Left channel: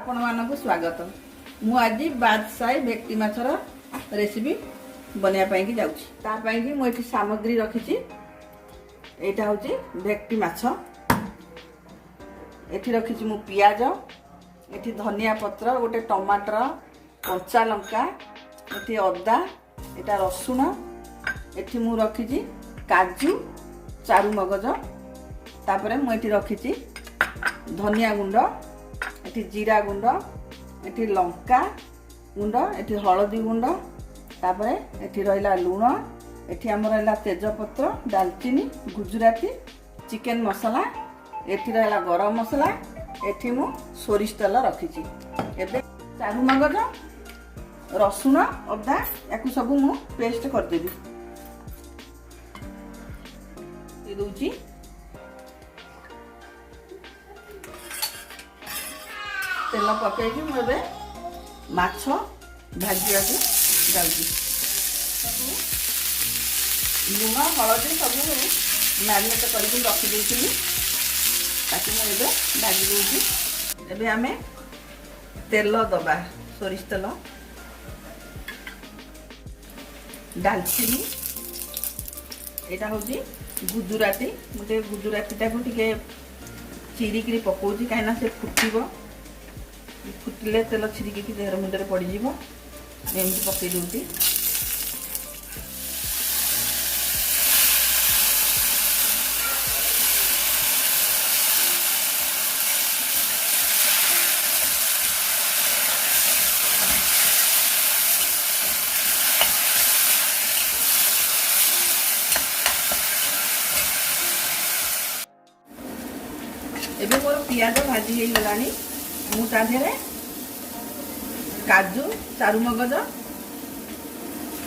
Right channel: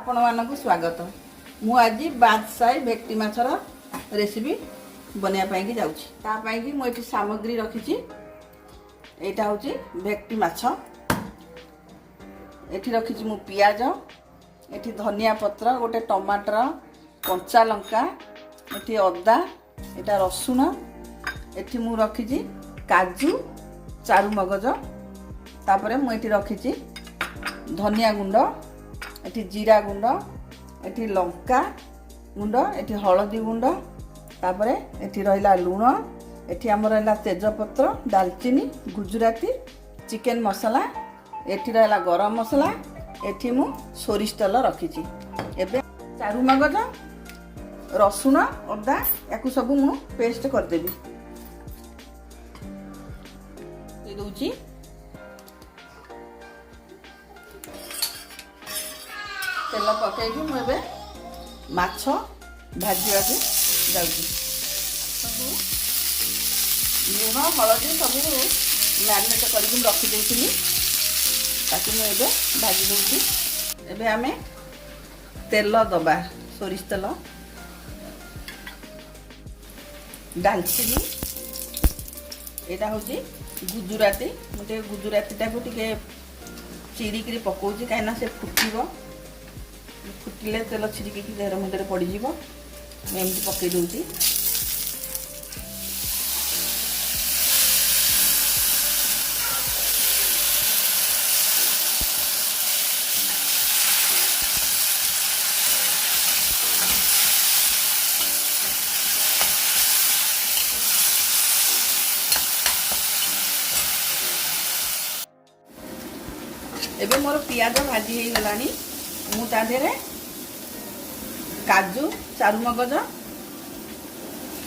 आपण मानक स्वागत। मु आज बादशाही भेक्टी माछर रेसिपी बनाया कि जाऊँ। ताकि मुझे सामग्री रखी यहाँ हूँ भेक्टी माछ। एठी रखी मु पियाज, एठी धनिया पत्र, गोटे टमाटर, कंचा लंका, एठी अदा, एटा रसुण, एठी मु रखी काजू, चारु मगज, तापरे मु एठी रखी धनिया गुंड, एठी जीरा गुंड, एठी लंका गुंड, एठी हलदी गुंड, तापरे एठी रहिला लूण, एठी हमर रहिला तेजपत्र, दालचीनी, गुजराती, चिकन मसाला, एठी रहिला गरम मसाला, एठी मु सोरिष तेल रखिछि। एबे चारु मगज, रसुण, अदा याकु सब मु पेस्ट कर देबी। दे दोछि तेल पकईकि मुझे माछ भाजिया जाऊँगी। लुण हलदी सब मैरिनेट करके रखिदी ताकि मुझे भाजी दूसरी। एबे आमे तेल दबा, सोरिष तेल, दालचीनी, यहाँ हूँ गुजराती, मुझे गुजराती टाइप टे चिरिकी पकाऊँ कहीं से फुटब। फुटिले तेल छिड़की देहर मुंडे पड़ज एमती पकई दूसरी। एबे मोर पियाज भाजी हो गलानी। मु ताधेरे काजू, चारु मगज,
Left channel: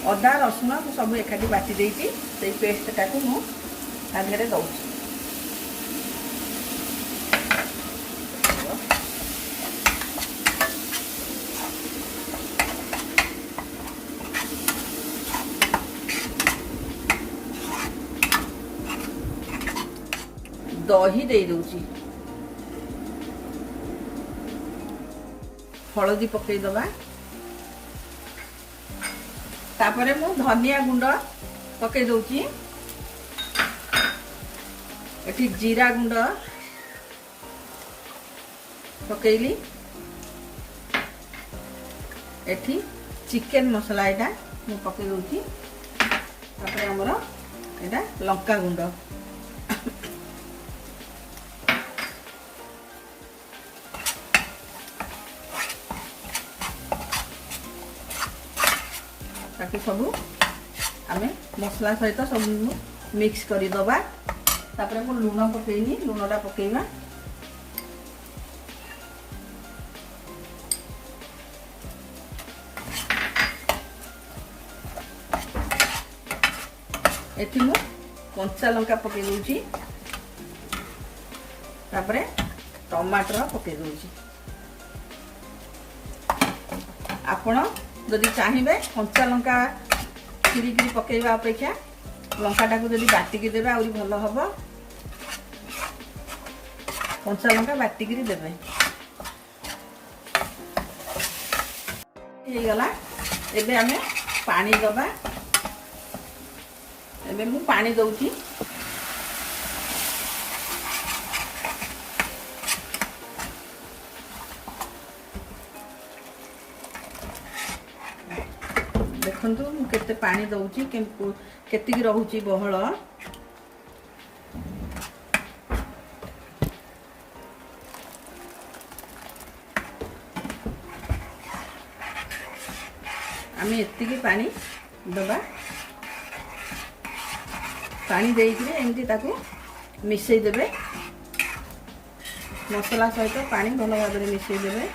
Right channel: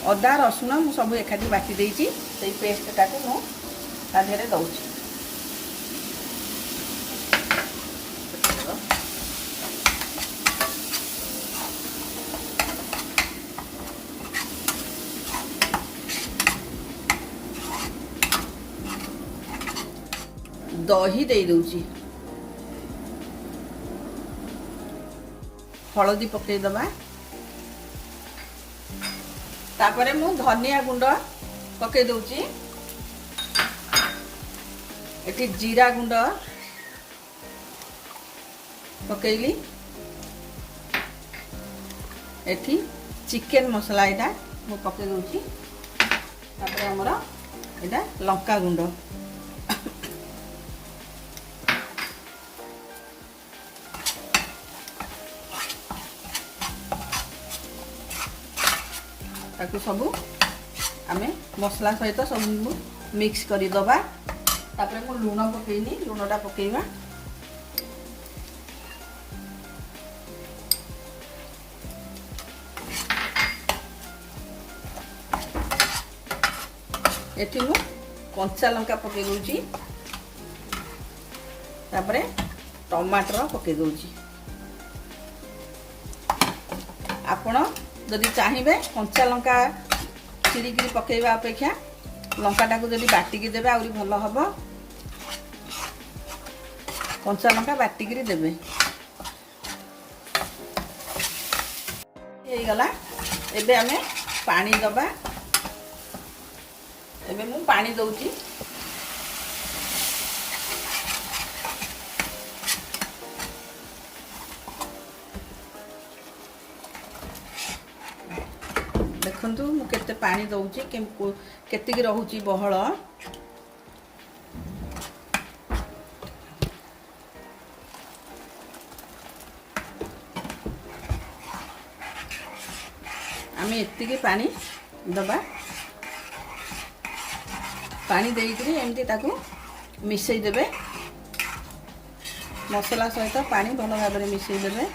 अदा, रसुण सब एकाठी बाटी देइछि। सेई पेस्ट टाको मु ताधेरे दउछि। दही दे दउछि, हलदी पकई दबा, तापरे मु धनिया गुंड पकई दउछि, एठी जीरा गुंड पकईली, एठी चिकन मसला एटा मु पकई दउछि, तापरे हमर एटा लंका गुंड, ताकू सब आमे मसला सहित सब मिक्स कर दबा। तापरे मु लूण पकईनी, लूणटा पकईबा। एठी मु कंचा लंका पकई दूची, तापरे टमाटर पकई दूची। आपण जदि चाहिए कंचा लंका चिरिकी पकईवा अपेक्षा लंकाटा को जदि बाटिकी देवे आउरी भल हम। कंचा लंका बाटिकी देवे गला। एबे आमे पानी दबा। एबे मु पानी दउची। देखंतु मु केते पानी दउची, केतिकी रहूची बहळ। आमी एतिकी पानी दबा। पानी देइकरी एमती ताकू मिसई देबे। मसला सहित पानी भल भाव में मिसई देबे।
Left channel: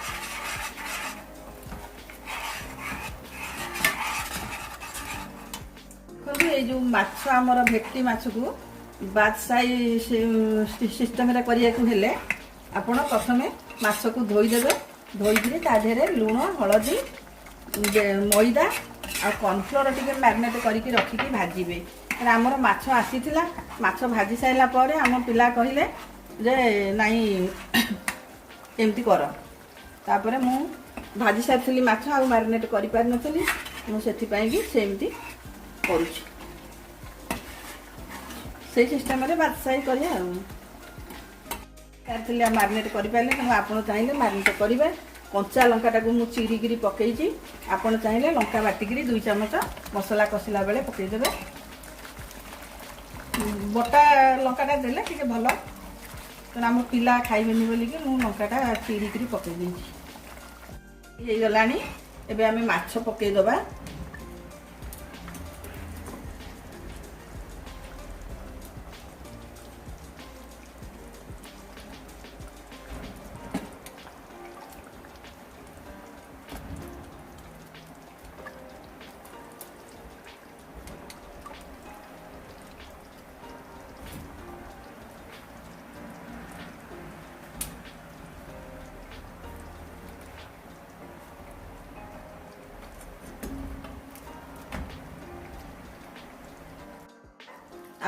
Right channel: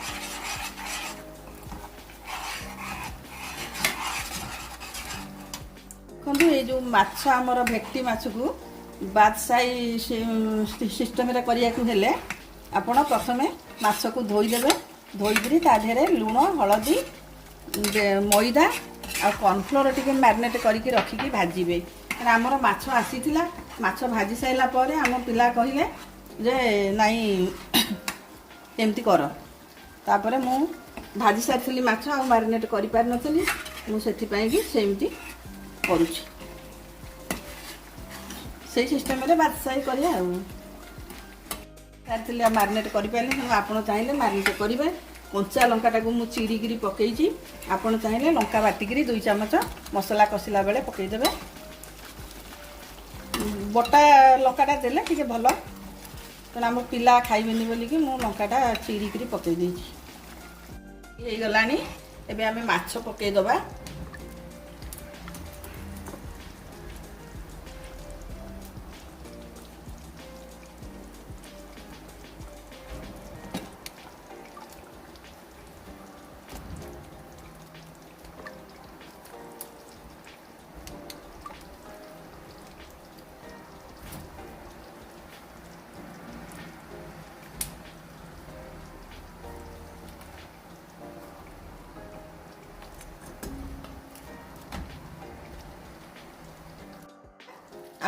ये जो माछ आमर भेक्टी माछ को बादशाही सिस्टम रे करिया को हेले आपण प्रथमे माछ को धोई देबे। धोईकरी ता देहरे लूण, हलदी, मैदा आ कॉर्नफ्लोर टिके मैरिनेट करके रखिकी भाजीबे। आमर माछ आसीथिला, माछ भाजी साइला परे आम पिला कहिले जे नाई एमती कर। तापरे मु भाजी सारी माछ आ मैरिनेट करि पार नथली मु सेठी पई कि सेमती करूची से सिस्टम रे भाजी सारी करिया सारी मैरिनेट करि पाली कि आपण चाहिले मैरिनेट करिवे कंचा लंकाटा को मु चिरीगिरी पकईची आपण चाहिले लंका बाटिगिरी 2 चमच मसला कसिला बेले पकई देबे बटा लंकाटा देले ठीक भल तेना हम पिला खाइबेनी बोली कि मु लंकाटा चिरीगिरी पकई देची हे गलानी एबे आमे माछ पकई दबा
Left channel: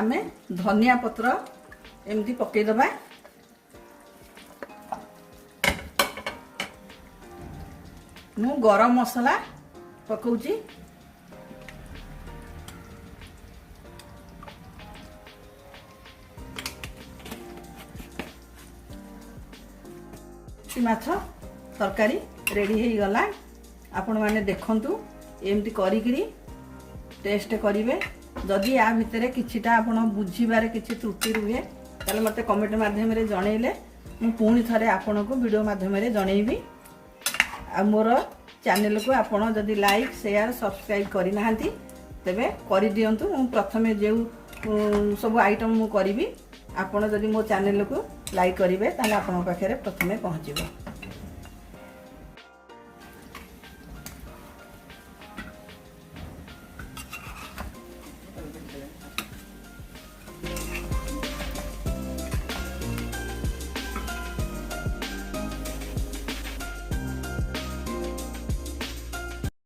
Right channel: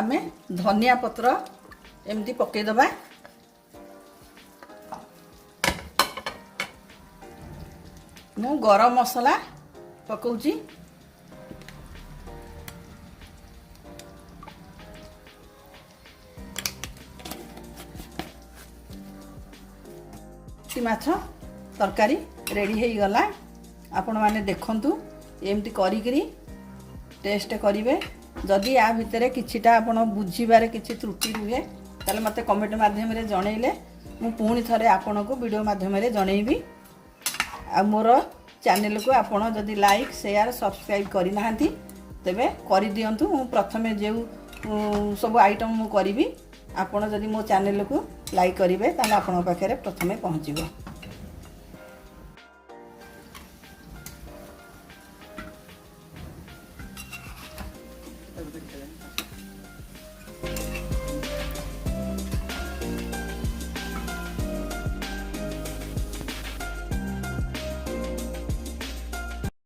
आमे धनिया पत्र एमती पकई दबा मु गरम मसला पकाउची माछ तरकारी रेडी हो गला आपण माने देखंतु एमती करिकरी टेस्ट करिवे जदि या भितर किछिटा आपण बुझीबारे किछि त्रुटि रुहे ताले मते कमेंट माध्यम रे जणैले मु पुणी थरे आपण को वीडियो माध्यम रे जणैबी आ मोर चैनल को आपण जदि लाइक शेयर सब्सक्राइब करि नाहंती तबे करि दियंतु मु प्रथमे जे सब आइटम मु करिवि आपण जदि मो चैनल को लाइक करिवे ताले आपण पाखरे प्रथमे पहुंचीबो।